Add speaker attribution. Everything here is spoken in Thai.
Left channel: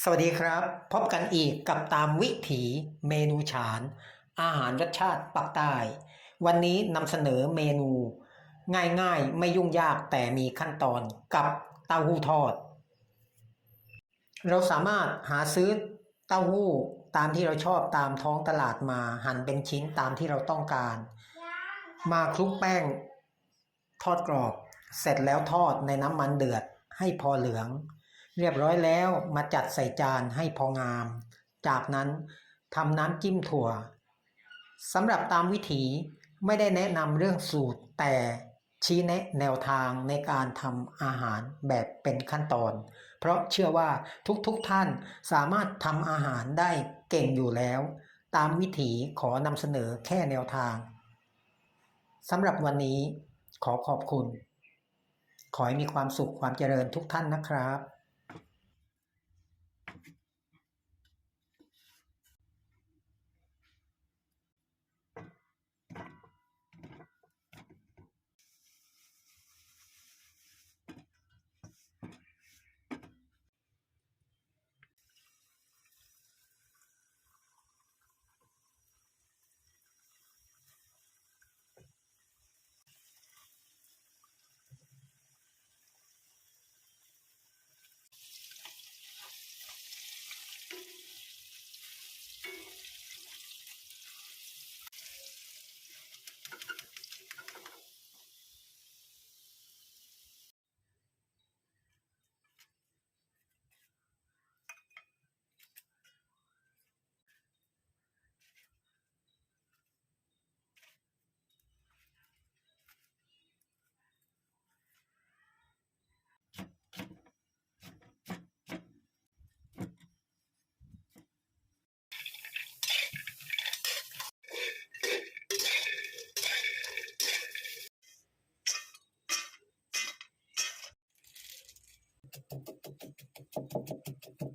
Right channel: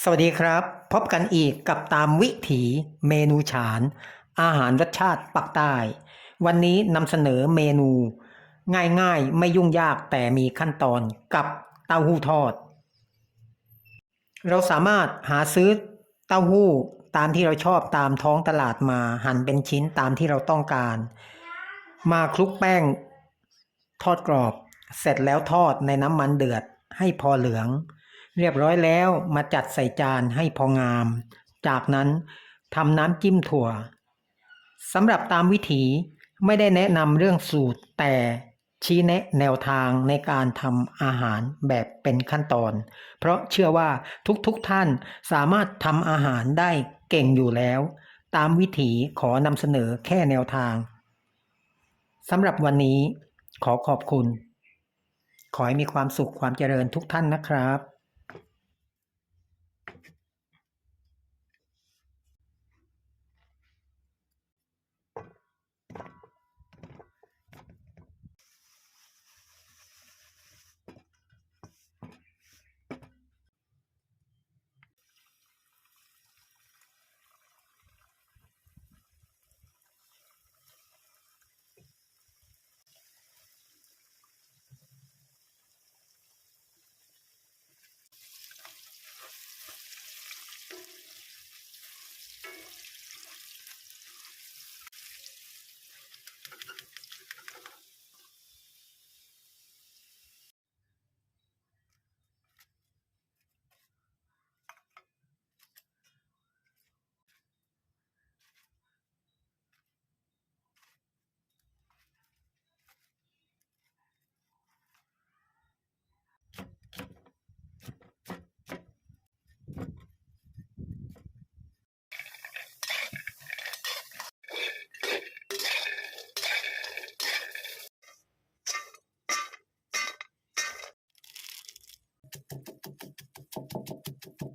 Speaker 1: สวัสดีครับ พบกันอีกกับตามวิถีเมนูฉาน อาหารรสชาติปักใต้ วันนี้นำเสนอเมนู ง่ายๆ ไม่ยุ่งยากแต่มีขั้นตอนกับเต้าหู้ทอด เราสามารถหาซื้อเต้าหู้ตามที่เราชอบตามท้องตลาดมาหั่นเป็นชิ้นตามที่เราต้องการ มาคลุกแป้ง ทอดกรอบ เสร็จแล้วทอดในน้ำมันเดือดให้พอเหลือง เรียบร้อยแล้วมาจัดใส่จานให้พองาม จากนั้นทำน้ำจิ้มถั่วสำหรับตามวิถีไม่ได้แนะนำเรื่องสูตร แต่ชี้แนะแนวทางในการทำอาหารแบบเป็นขั้นตอน เพราะเชื่อว่าทุกๆทท่านสามารถทำอาหารได้เก่งอยู่แล้ว ตามวิถีขอนำเสนอแค่แนวทางสำหรับวันนี้ขอขอบคุณ ขอให้มีความสุขความเจริญทุกท่านนะครับ Thank you.